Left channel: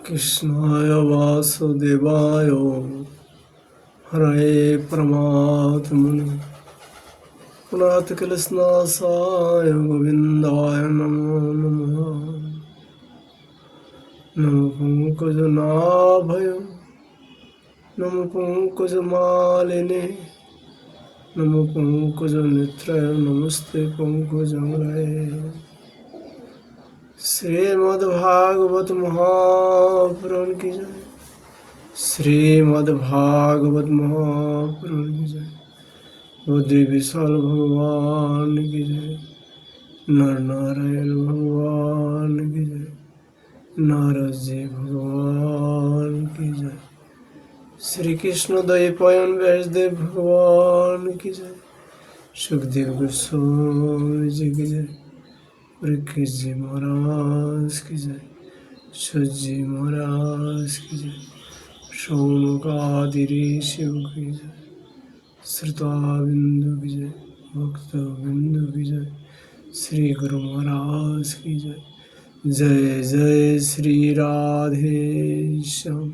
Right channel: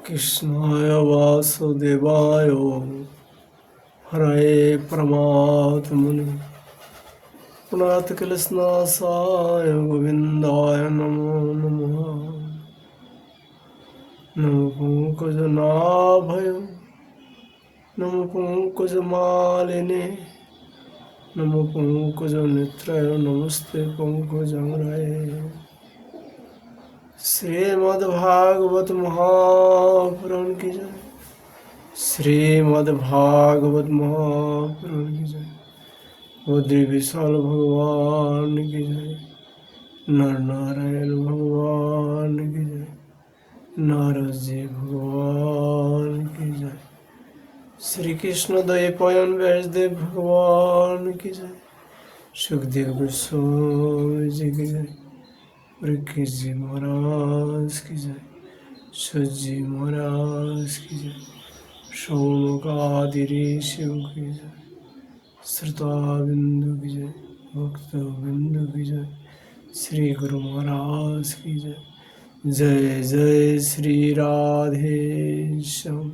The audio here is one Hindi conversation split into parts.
कृष्णाय वासुदेवाय हरे परमात्मने प्रणतक्लेशनाशाय गोविन्दाय नमो नमः। नमो पंकजनाभय नमो पंकजमालिने नमो पंकजनेत्राय नमस्ते पंकजांगराय। श्रीमद्भागवत महापुराण की जय। श्रीमद्भागवत महापुराण की जय। बद्री विशाल भगवान की जय। नर नारायण भगवान की जय। नारद जी भगवान की जय। श्री कृष्ण द्वैपायन व्यासदेव भगवान की जय। सुखदेव गोस्वामी जी की जय। परीक्षित जी महाराज की जय। सूत जी महाराज की जय। शौनक आदि ऋषियों की जय। श्रोता बिंदु की जय। भक्त बिंदु की जय। श्री गुरु महाराज की जय। जय जय श्री राधे श्याम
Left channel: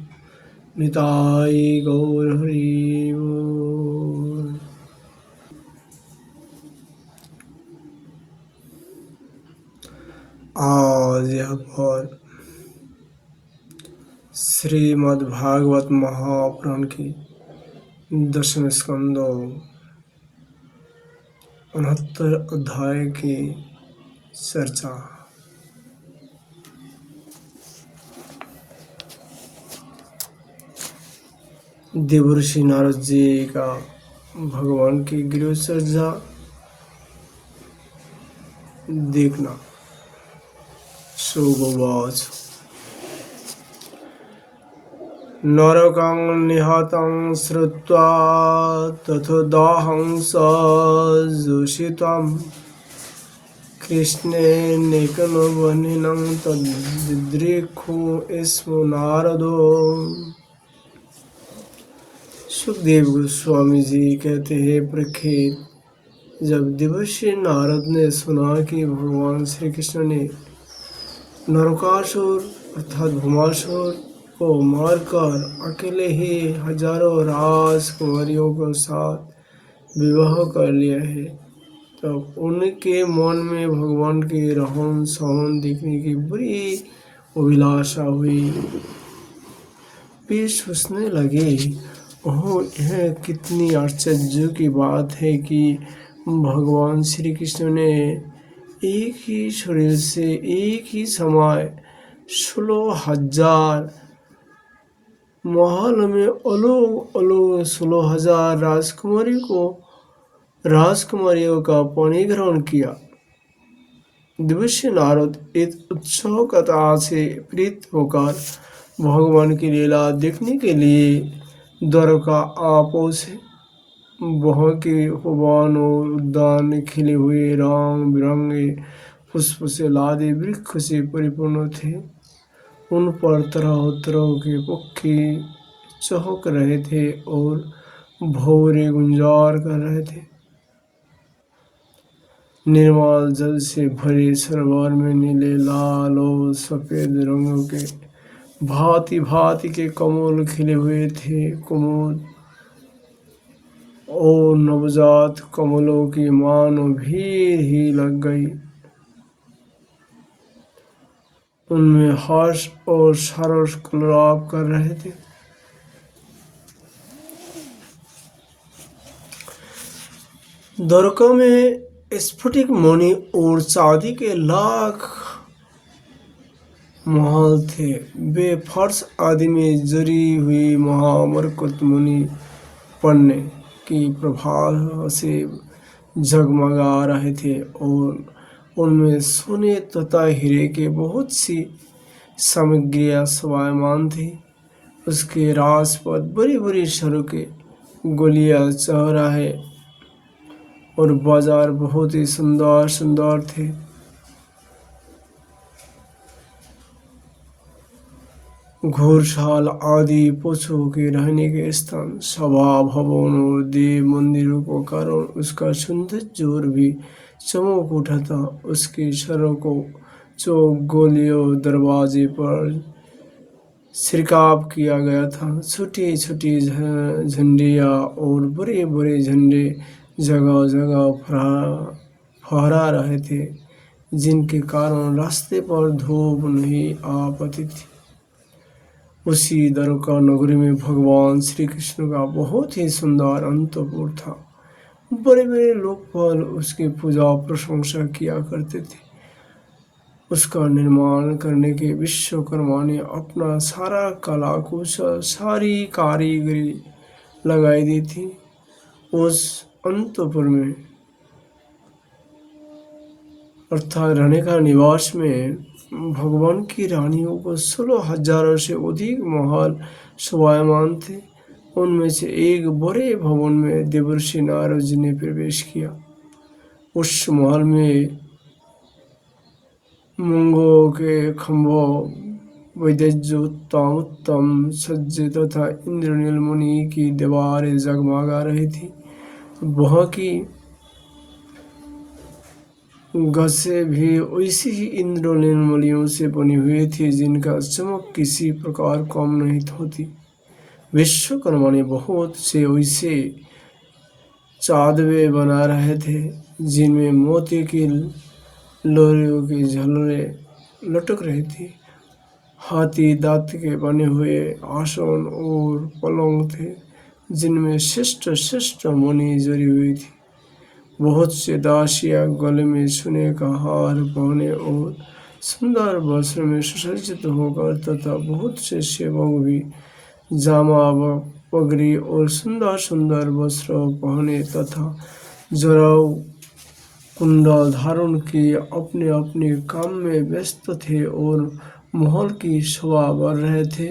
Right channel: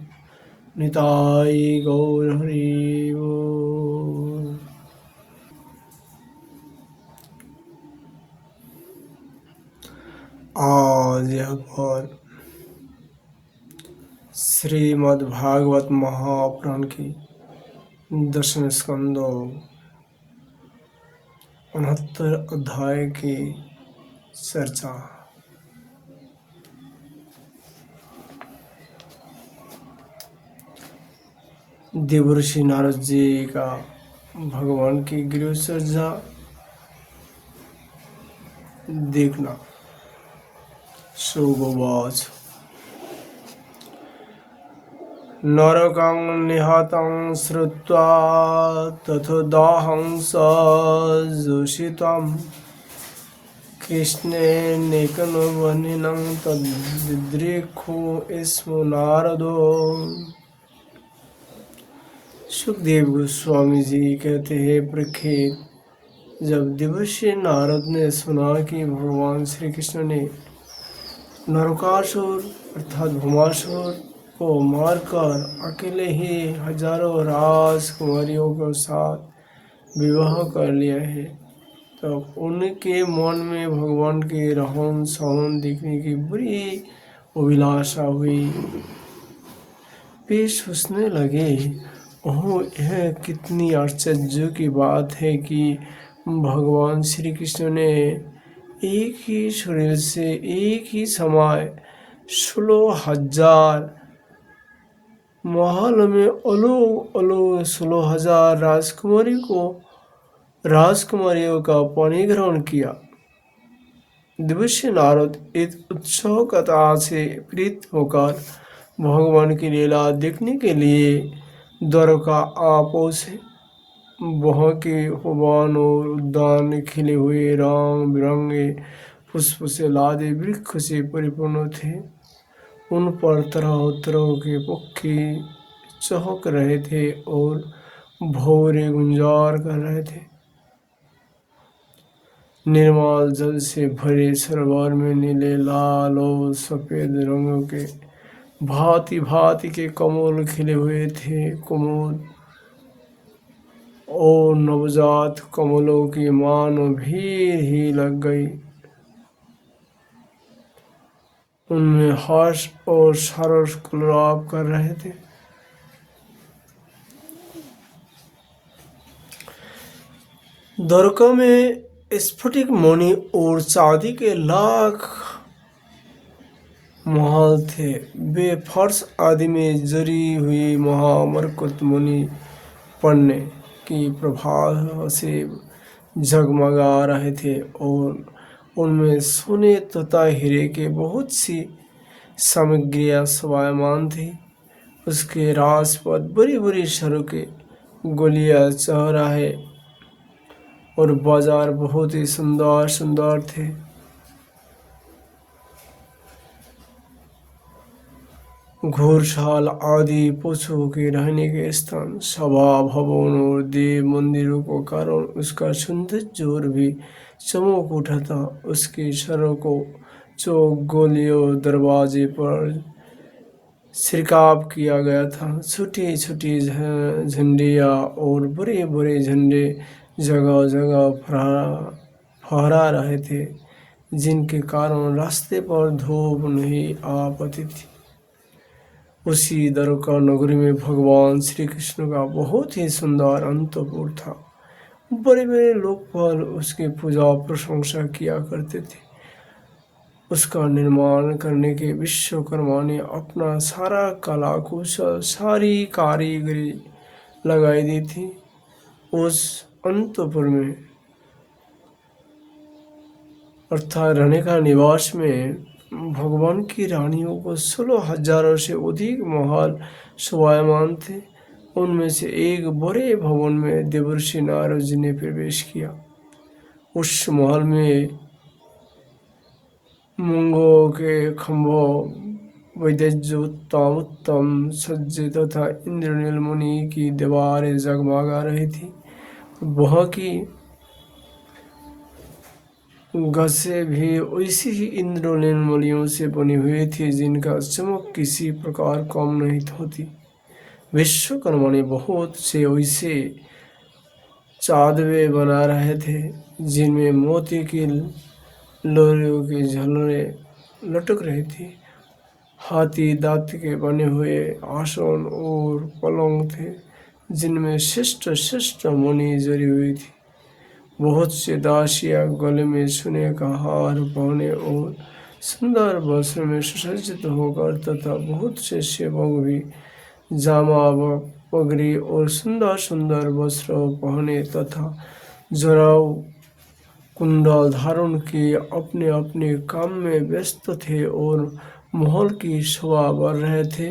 निताई गौर हरि बोल। आज यह पर श्रीमद्भागवत महापुराण की 10वें स्कंद 69 अध्याय की चर्चा। देवर्षि नारद जी का भगवान की गृह सज्जा देखना। सुगोवाच नरकं निहतं श्रुत्वा तथोदाहं सजोषितं कृष्णेनैकनवह्निनं तद्दिदृक्षु स्म नारदो। सुखदेव गोस्वामी जी कहते हैं, परीक्षित, जब देवर्षि नारद ने सुना कि भगवान श्री कृष्ण ने नरकासुर अर्थात भौमासुर को मारकर अकेले ही हजारों राजकुमारियों के साथ विवाह कर लिया है, तब उनके मन में भगवान की रहन सहन देखने की बड़ी अभिलाषा हुई। वे सोचने लगे, ओह, यह कितनी आश्चर्य की बात है कि भगवान श्री कृष्ण ने एक ही शरीर से एक ही समय 16,000 महल में अलग अलग 16,000 राजकुमारियों का पानी ग्रहण किया। देवर्षि नारद इस उत्सुकता से प्रीत होकर भगवान की लीला देखने के लिए द्वारका आ पहुँचे। वहाँ के उपवन और उद्यान खिले हुए रंग बिरंगे पुष्प से लादे वृक्ष से परिपूर्ण थे। उन पर तरह तरह के पक्षी चहक रहे थे और भौरे गुंजार कर रहे थे। निर्मल जल से भरे सरोवर में नीले, लाल और सफेद रंगों के भांति भांति के कमल खिले हुए थे। कुमुद और नवजात कमलों की मानो भीड़ ही लग गई। उनमें हर्ष और सरस कलरव कर रहे थे। द्वारका में स्फटिक मणि और चांदी के लाख महल थे। वे फर्श आदि में जरी हुई महामरकत मुनि पन्ने की प्रभा से झगमगा रहे थे और उनमें सोने तथा हीरे के बहुत सी सामग्रियां शोभायमान थी। उसके राजपथ, बड़ी बड़ी सड़कें, गलियां, चौराहे और बाजार बहुत ही सुंदर सुंदर थे। घोड़शाल आदि पशुओं के रहने के स्थान, सभा भवन और देव मंदिरों के कारण उसका सौंदर्य और भी चमक उठा था। उसकी सड़कों, चौक, गलियों, दरवाजे पर छिड़काव किया गया था। छोटी छोटी झंडियाँ और बड़े बड़े झंडे जगह जगह फहरा रहे थे, जिनके कारण रास्ते पर धूप नहीं आ पाती थी। उसी द्वारका नगरी में भगवान श्री कृष्ण का बहुत ही सुंदर अंतपुर था। बड़े बड़े लोग पर उसकी पूजा प्रशंसा किया करते थे। उसका निर्माण करने के विश्वकर्मा ने अपना सारा कला कौशल, सारी कारीगरी लगाई दी थी। उस अंतपुर में अर्थात रहने का निवास में भगवान की रानियों को 16,000 से अधिक महल शोभायमान थे। उनमें से एक बड़े भवन में देवर्षि नारद जी ने प्रवेश किया। उस महल में मूंगों के खंभों, वैदज्य उत्तम उत्तम सज्जे तथा इंद्रनील मुनि की दीवारें जगमगा रही थी। वहाँ की गसे भी वैसी ही इंद्रनील मणियों से बनी हुई थी, जिनका चमक किसी प्रकार कम नहीं होती। विश्वकर्मा ने बहुत से वैसे चादवे बना रहे थे, जिनमें मोती की लोरियों की झलरें लटक रही थी। हाथी दांत के बने हुए आसन और पलंग थे, जिनमें श्रेष्ठ श्रेष्ठ मणि जड़ी हुई थी। बहुत से दासियां गले में सोने का हार पहने और सुंदर वस्त्र में सुसज्जित होकर तथा बहुत से सेवक भी जामा पगड़ी और सुंदर सुंदर वस्त्र पहने तथा जराऊ कुंडल धारण किए अपने अपने काम में व्यस्त थे और महल की शोभा बढ़ रहे थे।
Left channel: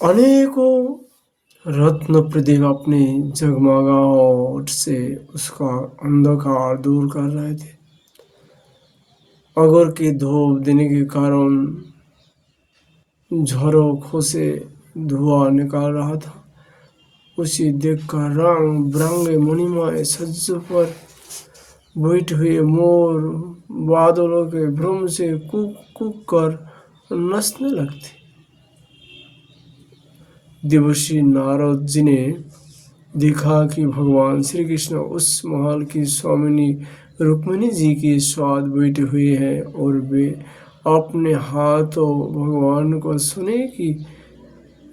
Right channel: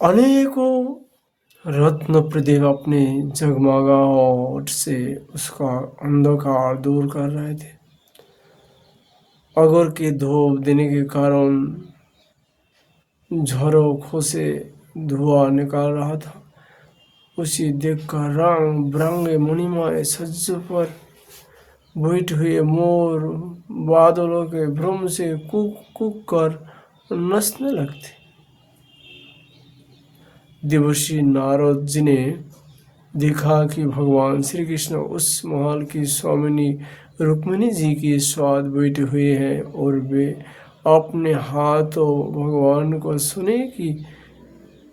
अनेकों रत्न प्रदीप अपने जगमगाहट से उसका अंधकार दूर कर रहे थे। अगर की धूप देने के कारण झरोखों से धुआं निकाल रहा था। उसे देखकर रंग बिरंगे मणिमय सज्जों पर बैठे हुए मोर बादलों के भ्रम से कूक कूक कर नाचने लगते। देवर्षि नारद जी ने देखा कि भगवान श्री कृष्ण उस महल की स्वामिनी रुक्मिणी जी के साथ बैठे हुए हैं और वे अपने हाथों भगवान को सोने की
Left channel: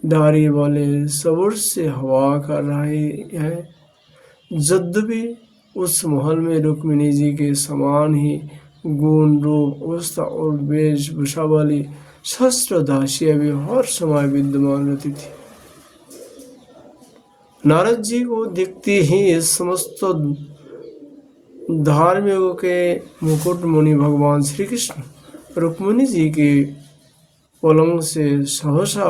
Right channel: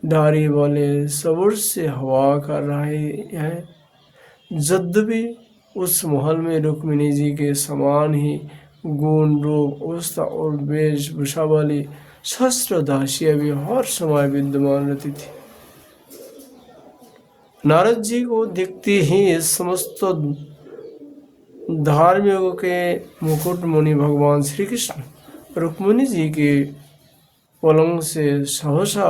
डारी वाले सबूर से हवा कर रहे हैं। यद्यपि उस महल में रुक्मिणी जी के समान ही गुण रूप अवस्था और वेशभूषा वाली सहस्त्र दासियां भी हर समय विद्यमान रहती थी। नारद जी को देखते ही समस्त धार्मिकों के मुकुटमणि भगवान श्री कृष्ण रुक्मिणी जी के पलंग से सहसा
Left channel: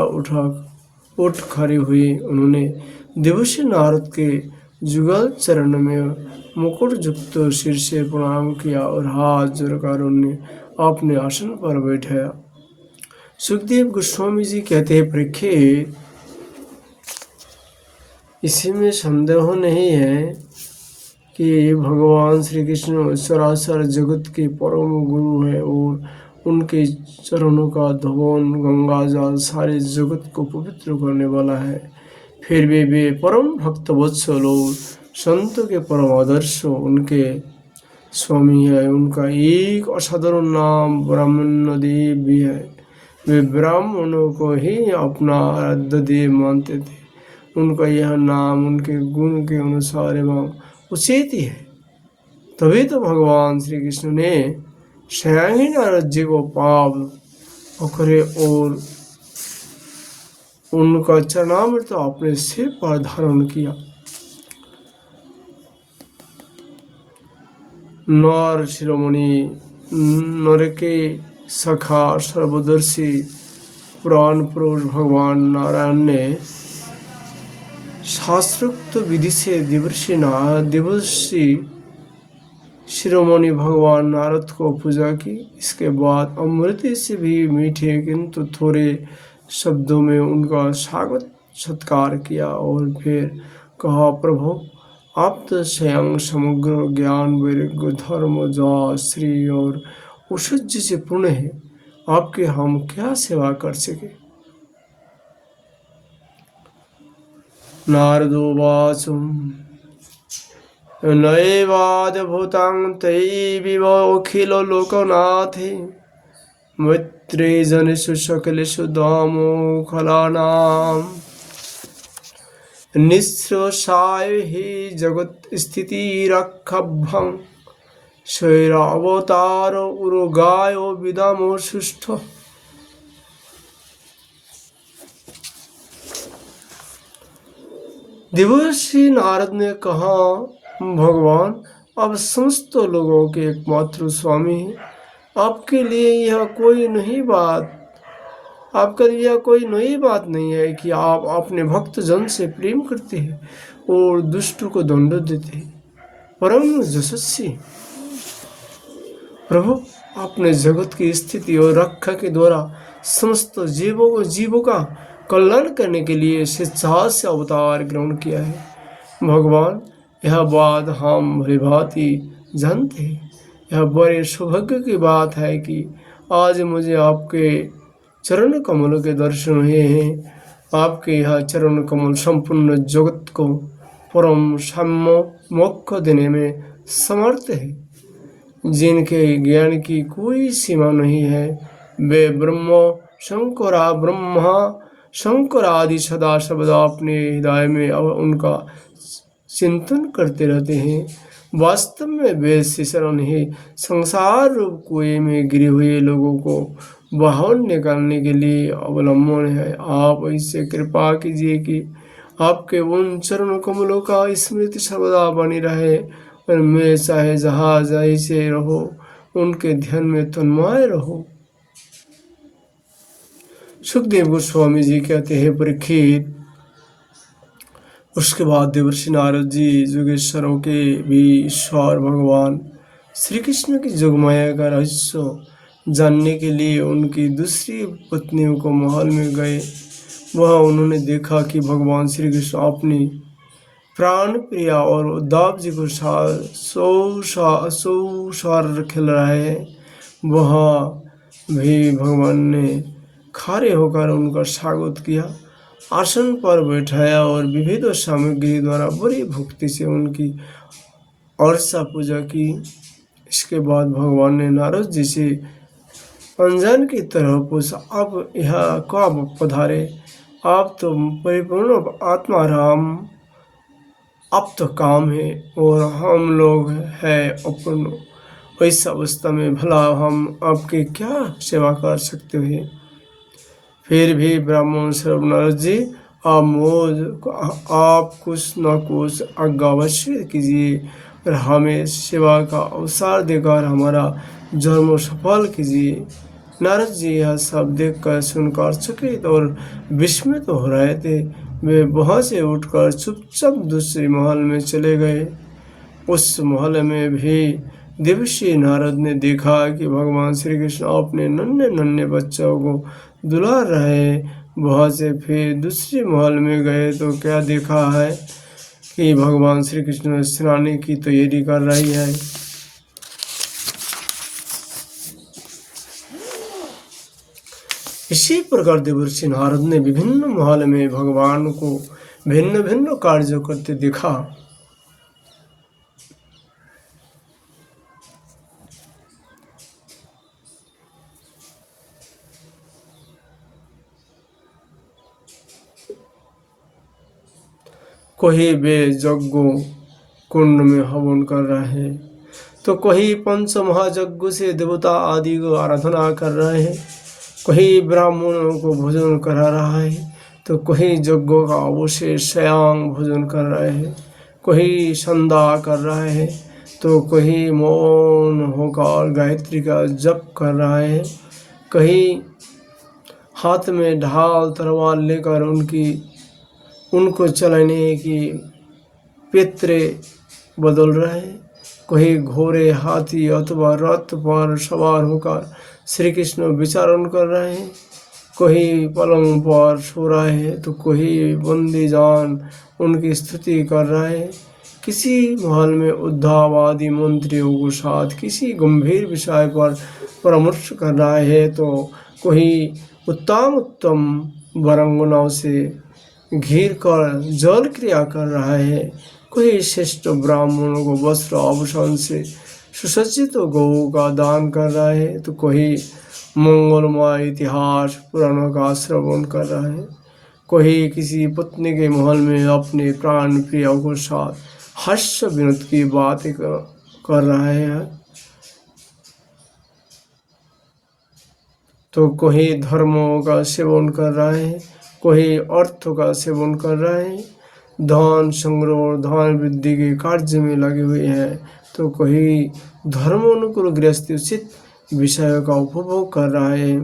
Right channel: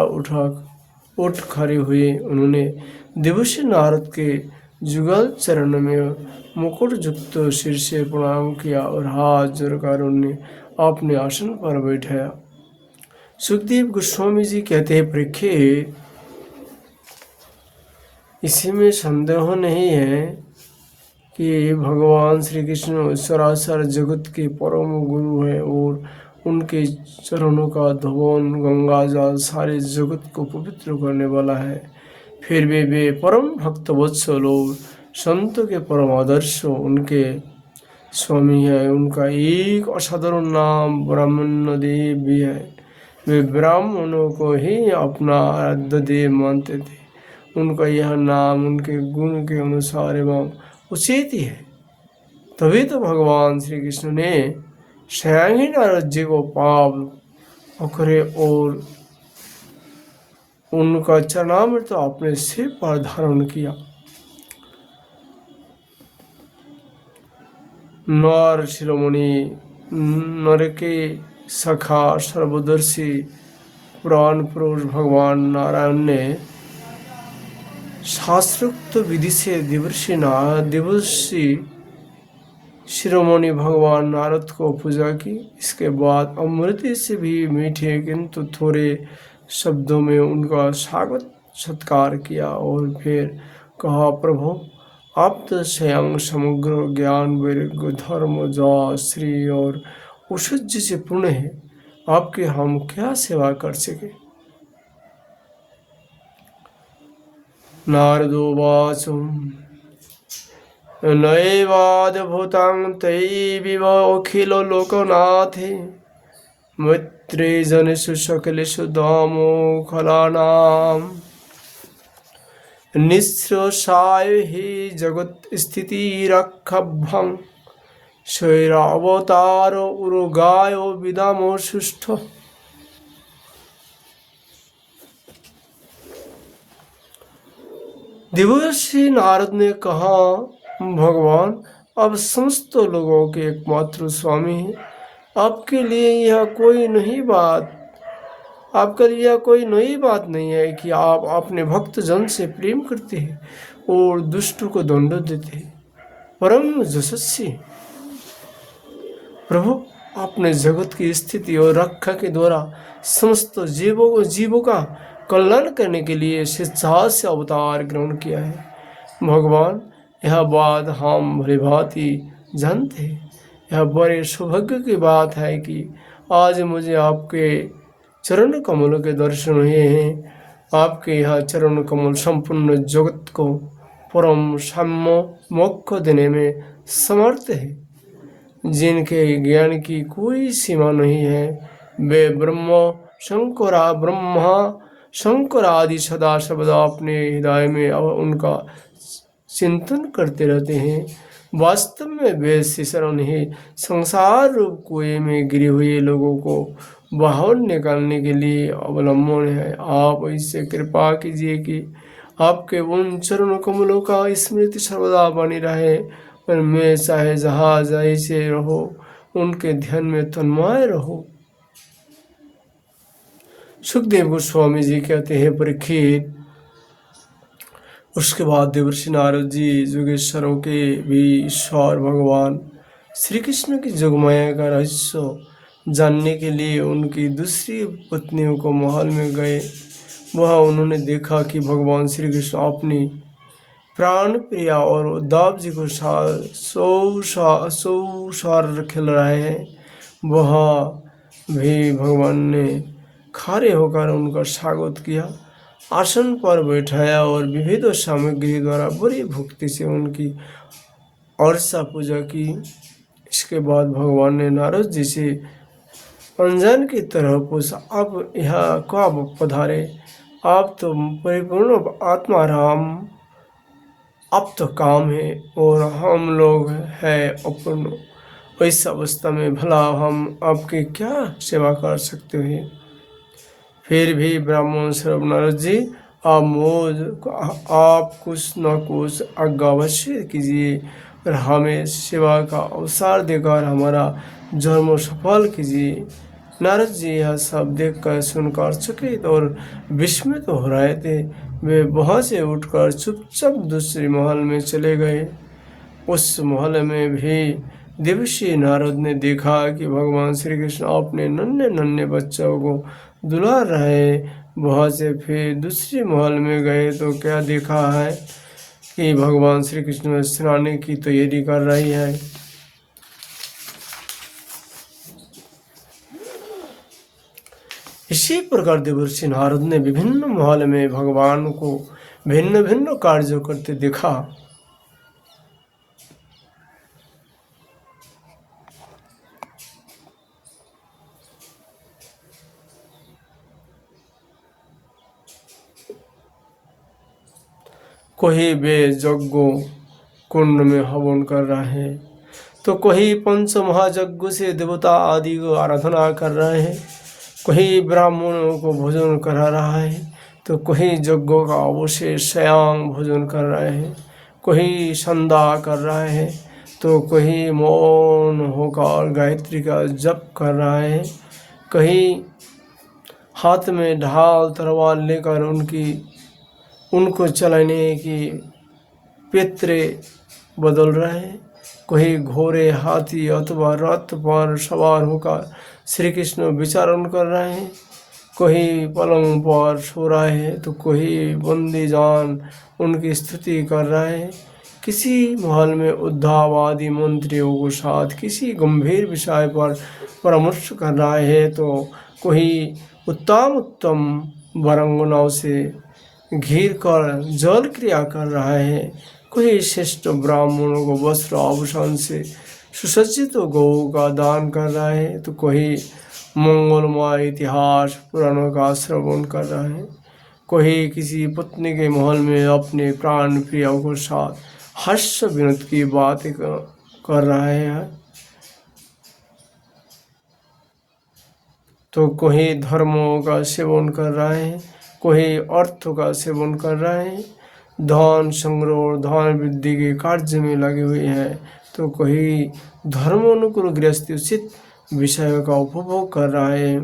उठ खड़े हुए। उन्होंने देवर्षि नारद के जुगल चरण में मुकुट युक्त सिर से प्रणाम किया और हाथ जोड़कर उन्हें अपने आसन पर बैठाया। सुखदेव गोस्वामी जी कहते हैं, परीक्षित, इसी में संदेह नहीं है कि भगवान श्री कृष्ण सरासर जगत के परम गुरु है और उनके चरणों का धवन गंगा जल सारे जगत को पवित्र करने वाला है। फिर भी वे परम भक्त वत्सल और संतों के परम आदर्श उनके स्वामी है। उनका एक असाधारण नाम ब्रह्मण्य देव भी है। वे ब्राह्मणों को ही अपना आराध्य देव मानते थे। उनका यह नाम उनके गुण के अनुसार एवं उचित ही है। तभी तो भगवान श्री कृष्ण ने स्वयं ही नारद जी को पाप पकड़े और उनका चरणामृत अपने सिर पर धारण किया। नर शिरोमणि नर के सखा सर्वदर्शी पुराण पुरुष भगवान नारायण ने शास्त्रोक्त विधि से देवर्षि शिरोमणि भगवान नारद को पूजा की। इसके बाद अमृत से भी मीठे किंतु थोड़े शब्दों में उनका स्वागत सत्कार किया और फिर कहा, प्रभु आप तो स्वयं समग्र ज्ञान वैराग्य धर्म जा श्री और ऐश्वर्य से पूर्ण है, आपकी हम क्या सेवा कर सके। नारदोवाच नैवाद्भुतं तैविवोऽखिलो लोकनाथे मैत्रे जनेषु सकलेषु दामोखलानां निःश्रेषाय हि जगत्स्थितिरक्षभ्रं स्वैरावतारो उरुगायो विदामो सुष्ठु। देवर्षि नारद ने कहा, भगवान अब समस्त लोगों के एकमात्र स्वामी हैं, आपके लिए यह कोई नई बात नहीं है कि आप अपने भक्त जन से प्रेम करते हैं और दुष्टों को दंड देते हैं। परम यशस्वी प्रभु, आपने जगत की स्थिति और रक्षा के द्वारा समस्त जीवों का कल्याण करने के लिए स्वेच्छा से अवतार ग्रहण किया है। भगवान, यह बात हम भलीभांति जानते हैं। यह बड़े सौभाग्य की बात है कि आज मुझे आपके चरण कमलों के दर्शन हुए हैं। आपके यह चरण कमल संपूर्ण जगत को परम साम्य मोक्ष देने में समर्थ है। जिनके ज्ञान की कोई सीमा नहीं है, वे ब्रह्मा शंकर आदि सदा सर्वदा अपने हृदय में उनका चिंतन करते रहते हैं। वास्तव में वेद से शरण ही संसार रूप कुएं में गिरे हुए लोगों को बाहर निकालने के लिए अवलंबन है। आप ऐसे कृपा कीजिए कि आपके उन चरण कमलों का स्मृति सर्वदा बनी रहे और मैं चाहे जहाँ जैसे रहो उनके ध्यान में तन्मय रहो। सुखदेव गोस्वामी जी कहते हैं, परीक्षित, उसके बाद देवर्षि नारद जी योगेश्वरों के भी ईश्वर भगवान श्री कृष्ण की जोगमाया का रहस्य जानने के लिए उनकी दूसरी पत्नियों को महल में गए। वहाँ उन्होंने देखा कि भगवान श्री कृष्ण अपनी प्राण प्रिया और उद्धव जी को सौसार खेल रहे हैं। वहाँ भी भगवान ने खड़े होकर उनका स्वागत किया, आसन पर बैठाया और विविध सामग्री द्वारा बड़ी भक्ति से उनकी अर्चा पूजा की। इसके बाद भगवान ने नारद जी से अनजान की तरह पूछा, आप यहाँ कब पधारे? आप तो परिपूर्ण आत्मा राम, आप तो काम है और हम लोग हैं अपूर्ण। इस अवस्था में भला हम आपकी क्या सेवा कर सकते हैं? फिर भी ब्राह्मण श्रव नारद जी, आप कुछ न कुछ आज्ञा अवश्य कीजिए और हमें सेवा का अवसर देकर हमारा जन्म सफल कीजिए। नारद जी यह सब देखकर सुनकर चकित और विस्मित हो रहे थे। वे वहाँ से उठकर चुपचाप दूसरे महल में चले गए। उस महल में भी देवर्षि नारद ने देखा कि भगवान श्री कृष्ण अपने नन्हे नन्हे बच्चों को दुला रहे। वहाँ से फिर दूसरे महल में गए तो क्या देखा है कि भगवान श्री कृष्ण स्नान की तैयारी कर रही है। इसी प्रकार देवर्षि नारद ने विभिन्न महल में भगवान को भिन्न भिन्न कार्य करते देखा। कोई वे यज्ञों कुंड में हवन कर रहे हैं, तो कोई पंच महायज्ञ से देवता आदि को आराधना कर रहे हैं, कोई ब्राह्मणों को भोजन करा रहा है, तो कोई यज्ञों का अवशेष स्वयं भोजन कर रहे हैं, कोई संध्या कर रहे हैं, तो कोई मौन होकर गायत्री का जप कर रहा है, कहीं हाथ में ढाल तलवार लेकर उनको चलाने की पितरे बदल रहे हैं, कोई घोड़े हाथी अथवा रथ पर सवार होकर श्री कृष्ण विचरण कर रहे हैं, कोई पलंग पर सो रहा है तो कोई बंदी जान उनकी स्तुति कर रहा है। किसी महल में उद्धारवादी मंत्रियों के साथ किसी गंभीर विषय पर परामर्श कर रहा है तो कोई उत्तम उत्तम वरांगनाओं से घिर कर जल क्रिया कर रहा है। कोई श्रेष्ठ ब्राह्मणों को वस्त्र आभूषण से सुसज्जित गौ का दान कर रहा है तो कोई मंगलमय इतिहास पुराणों का श्रवण कर रहा है। कोई किसी पत्नी के महल में अपने प्राण प्रियों के साथ हास्य विनोद की बातें कर रहा है तो कोई धर्मों का सेवन कर रहा है, कोई अर्थ का सेवन कर रहा है। धन संग्रह और धन वृद्धि के कार्य में लगे हुए हैं तो कोई धर्मानुकूल गृहस्थी उचित विषयों का उपभोग कर रहा है।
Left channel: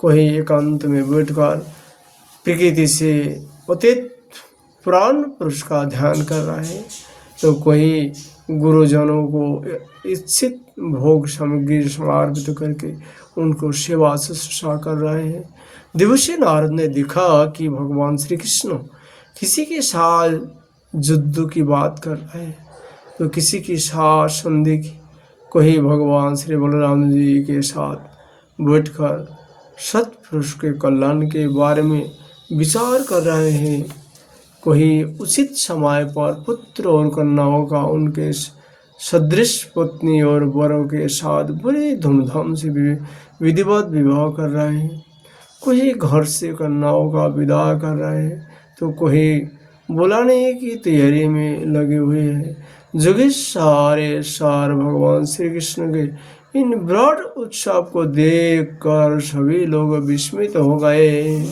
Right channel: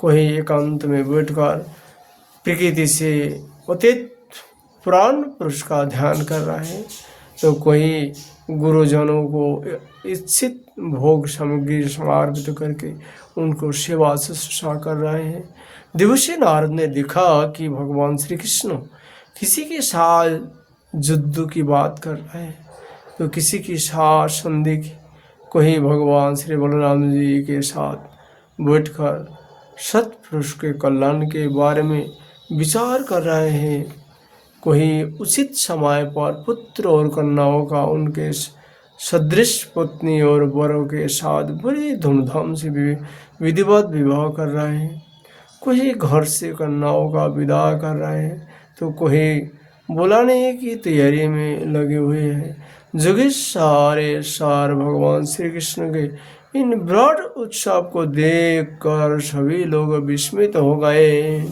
कोई एकांत में बैठकर प्रकृति से अतीत पुराण पुरुष का ध्यान कर रहा है तो कोई गुरुजनों को इच्छित भोग सामग्री समर्पित करके उनको सेवा शुश्रूषा कर रहे हैं। देवर्षि नारद ने देखा कि भगवान श्री कृष्ण किसी के साथ युद्ध की बात कर रहे हैं तो किसी की साथ संधि की। कोई भगवान श्री बलराम जी के साथ बैठकर सत्पुरुष के कल्याण के बारे में विचार कर रहे हैं। कोई उचित समय पर पुत्र और कन्याओं का उनके सदृश पत्नी और वरों के साथ बड़ी धूमधाम से विधिवत विवाह कर रहे हैं। कोई घर से कन्याओं का विदा कर रहे हैं तो कोई बुलाने की तैयारी में लगे हुए हैं। जगत सारे सार भगवान श्री कृष्ण के इन विराट उत्सव को देखकर सभी लोग विस्मित हो गए।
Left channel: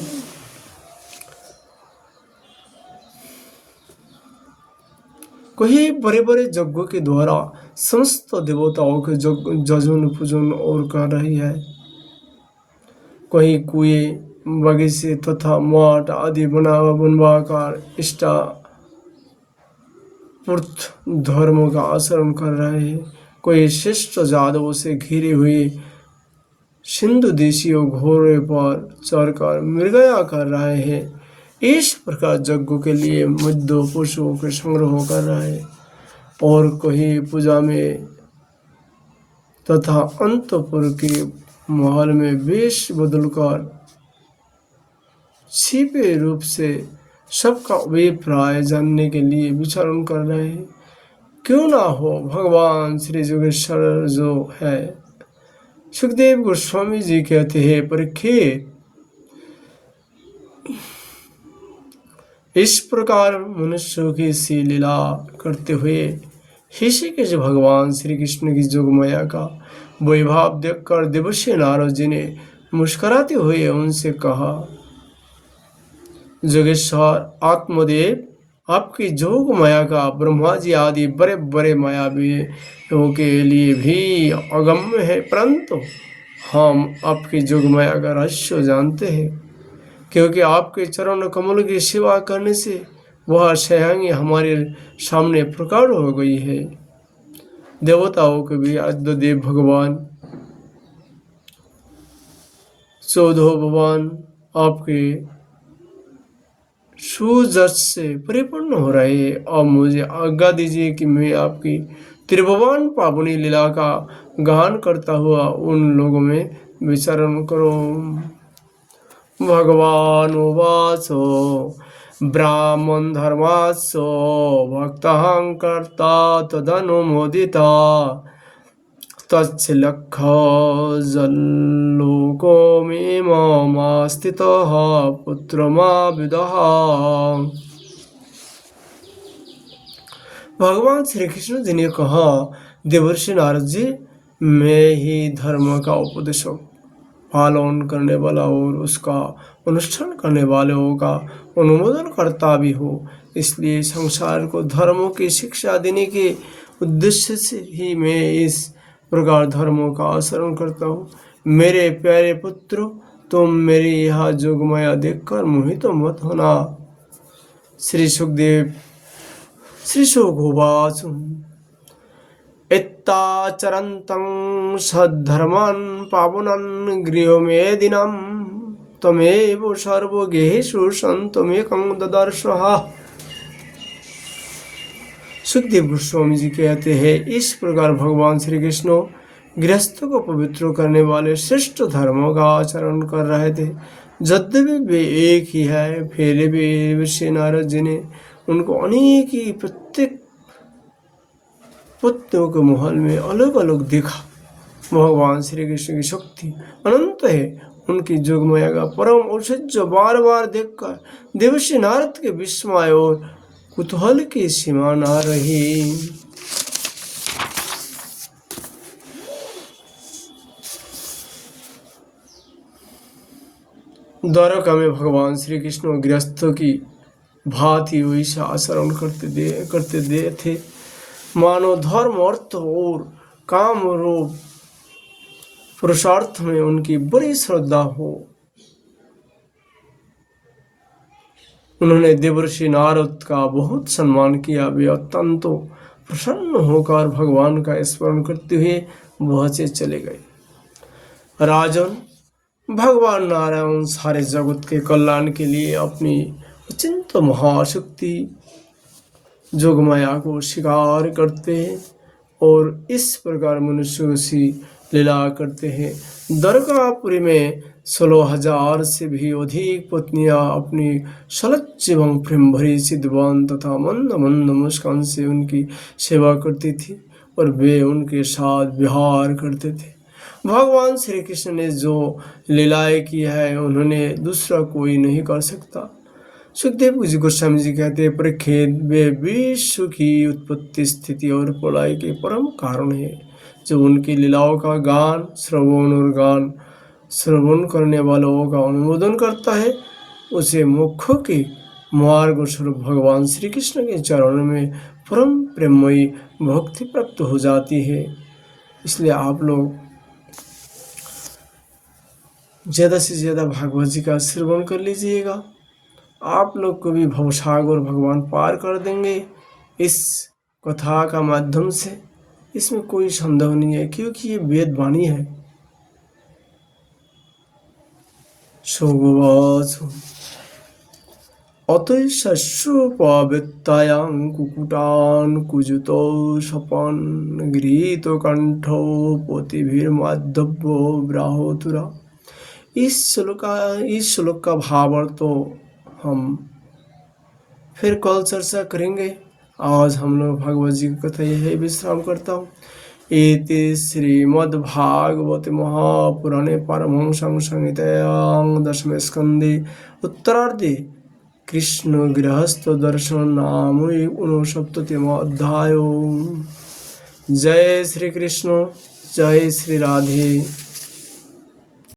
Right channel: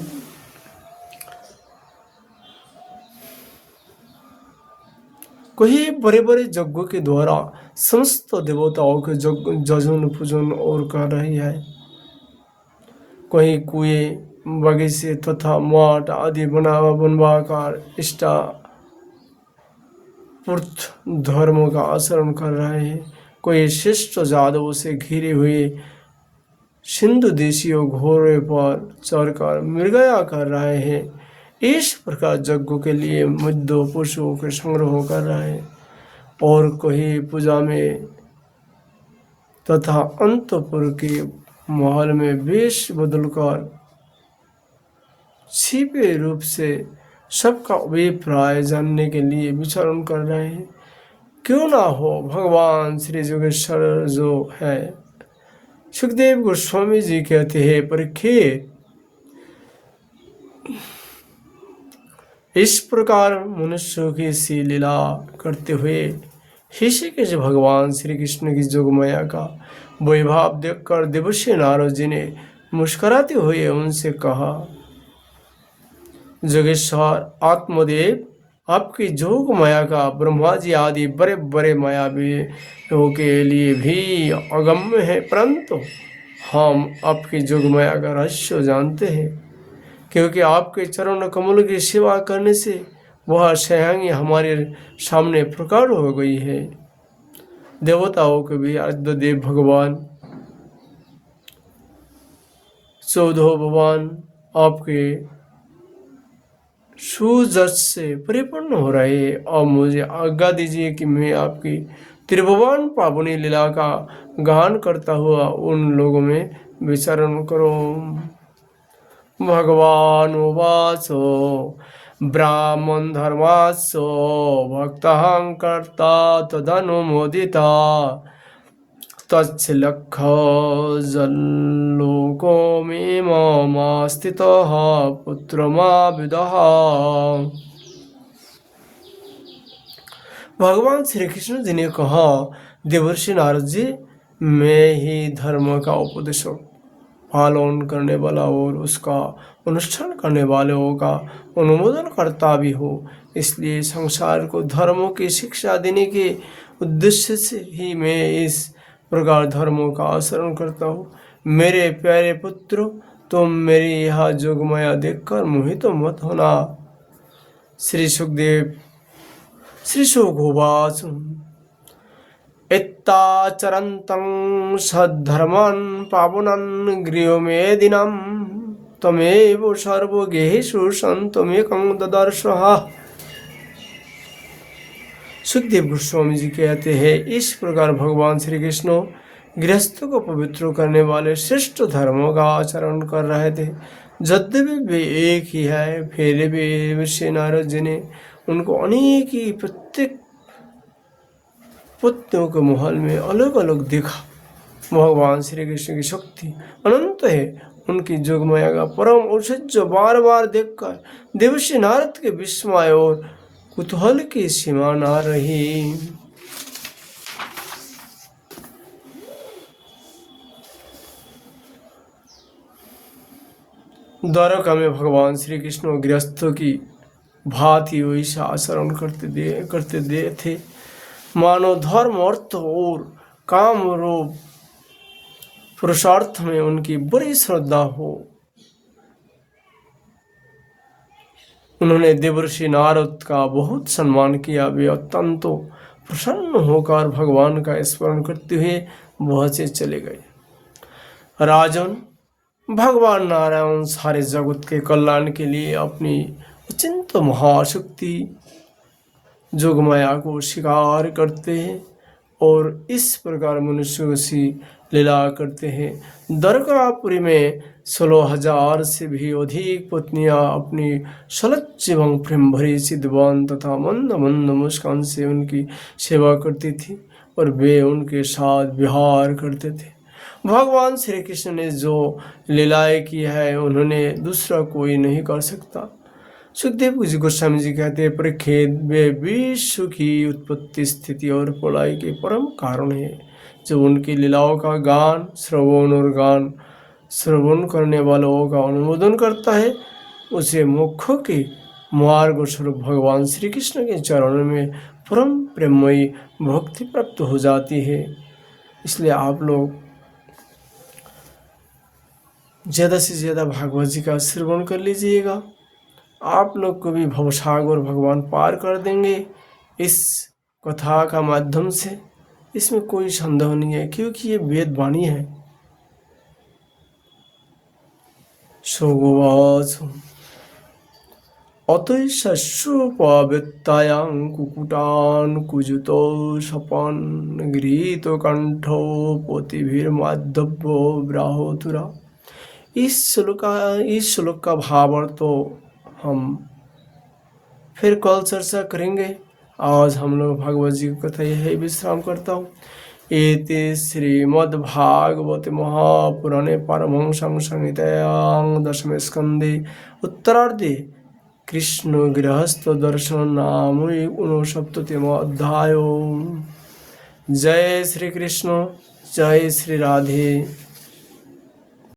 कोई बड़े बड़े यज्ञों के द्वारा समस्त देवताओं के जजन पूजन और कर रही है। कोई कुएं बगीचे तथा मठ आदि बनवाकर इष्टा पुरुष धर्म का आचरण कर रहे हैं। कोई श्रेष्ठ जादवों से घिरे हुए सिंधु देशियों घोड़े पर चढ़कर मृगया कर रहे हैं। इस प्रकार यज्ञों के लिए मध्य पशुओं के संग्रह कर रहे हैं और कोई पूजा में तथा अंतपुर के महल में वेश बदलकर छिपे रूप से सबका अभिप्राय जानने के लिए विचरण कर रहे हैं। क्यों ना हो भगवान श्री जोगेश्वर जो है। सुखदेव गोस्वामी जी कहते हैं, परीक्षित इस प्रकार मनुष्यों की सी लीला करते हुए ऋषिकेश भगवान श्री कृष्ण की जोगमाया का वैभव देखकर देवर्षि नारद जी ने मुस्कुराते हुए उनसे कहा, जोगेश्वर आत्मदेव, आपकी जोग माया का ब्रह्मा जी आदि बड़े बड़े मायावियों के लिए भी अगम्य है, परंतु हम आपकी जोग माया का रहस्य जानते हैं, क्योंकि आपके चरण कमल की सेवा करने से वह स्वयं हमारे सामने प्रकट हो गई है। देवताओं के भी आद्यदेव भगवान चौदह भगवान आपके सुजस से परिपूर्ण हो रहे हैं। और मुझे आज्ञा दीजिए कि मैं आपकी त्रिभुवन पावनी लीला का गान करता हुआ उन लोगों में विचरण करूं। भगवान उवाच ब्राह्मण धर्मास्सो भक्तहं कर्ता तदनुमोदिता तच्छलक्ष्य जल्लोको मे मम स्थितः पुत्रमाविदः। भगवान श्री कृष्ण जी ने कहा, देवर्षि नारद जी, मैं ही धर्म का उपदेशक, पालन करने वाला और उसका अनुष्ठान करने वालों का अनुमोदन करता भी हो, इसलिए संसार को धर्मों की शिक्षा देने के उद्देश्य से ही मैं इस प्रकार धर्मों का आचरण करता हूँ। मेरे प्यारे पुत्र, तुम मेरी यह जोगमाया देखकर मोहित मत होना। श्री सुखदेव श्री शुकवाच एत्ताचरन्तं सद्धर्मं पावनं गृहमेदिनं तमेव सर्वगेहेषु संतमेकं ददर्शः। सुखदेव गोस्वामी जी कहते हैं, इस प्रकार भगवान श्री कृष्ण गृहस्थ को पवित्र करने वाले श्रेष्ठ धर्मों का आचरण कर रहे थे। यद्यपि वे एक ही है, फिर भी ऋषि नारद जी ने उनको अनेक ही प्रत्येक पत्नियों के महल में अलग अलग देखा। भगवान श्री कृष्ण की शक्ति अनंत है। उनकी जोगमाया का परम औचित्य बार बार देखकर देवर्षि नारद के विस्मय और कुतूहल की सीमा न रही। द्वारका में भगवान श्री कृष्ण गृहस्थों की भांति वैसा आचरण करते थे मानो धर्म, अर्थ और काम रूप पुरुषार्थ में उनकी बड़ी श्रद्धा हो। उन्होंने देवर्षि नारद का बहुत सम्मान किया। वे अत्यंत प्रसन्न होकर भगवान का स्मरण करते हुए वहां से चले गए। राजन, भगवान नारायण सारे जगत के कल्याण के लिए अपनी अत्यंत महाशक्ति जोगमाया को स्वीकार करते हैं और इस प्रकार मनुष्यों से लीला करते हैं। द्वारकापुरी में 16,000 से भी अधिक पत्नियां अपनी सलज्ज एवं प्रेम भरी सिद्धवान तथा मंद मंद मुस्कान से उनकी सेवा करती थी और वे उनके साथ विहार करते थे। भगवान श्री कृष्ण ने जो लीलाएं की है उन्होंने दूसरा कोई नहीं कर सकता। सुखदेव जी गोस्वामी जी कहते हैं, परीक्षित, वे विश्व की उत्पत्ति, स्थिति और प्रलय के परम कारण है। जो उनकी लीलाओं का गान श्रवण करने वालों का अनुमोदन करता है, उसे मुख्यों के मार्ग स्वरूप भगवान श्री कृष्ण के चरणों में परम प्रेममयी भक्ति प्राप्त हो जाती है। इसलिए आप लोग ज़्यादा से ज़्यादा भागवत जी का श्रवण कर लीजिएगा। आप लोग को भी भवसागर भगवान पार कर देंगे इस कथा का माध्यम से। इसमें कोई संदेह नहीं है, क्योंकि ये वेद वाणी है। सोगवाच अतैश्योपावृत्तायां कुकुटान् कुजुतो सपन् गृहीतो कंठो पोतिभिर्माधव्यो ब्राहोतुरा। इस श्लोक का भावार्थ तो हम फिर कल चर्चा करेंगे। आज हम लोग भगवत जी की कथा यही विश्राम करता हूँ। इति श्रीमद्भागवते महापुराणे पारमहंस्यां संहितायां दशमे स्कन्धे उत्तरार्धे कृष्ण गृहस्थ दर्शन नाम 69 अध्याय। जय श्री कृष्ण, जय श्री राधे।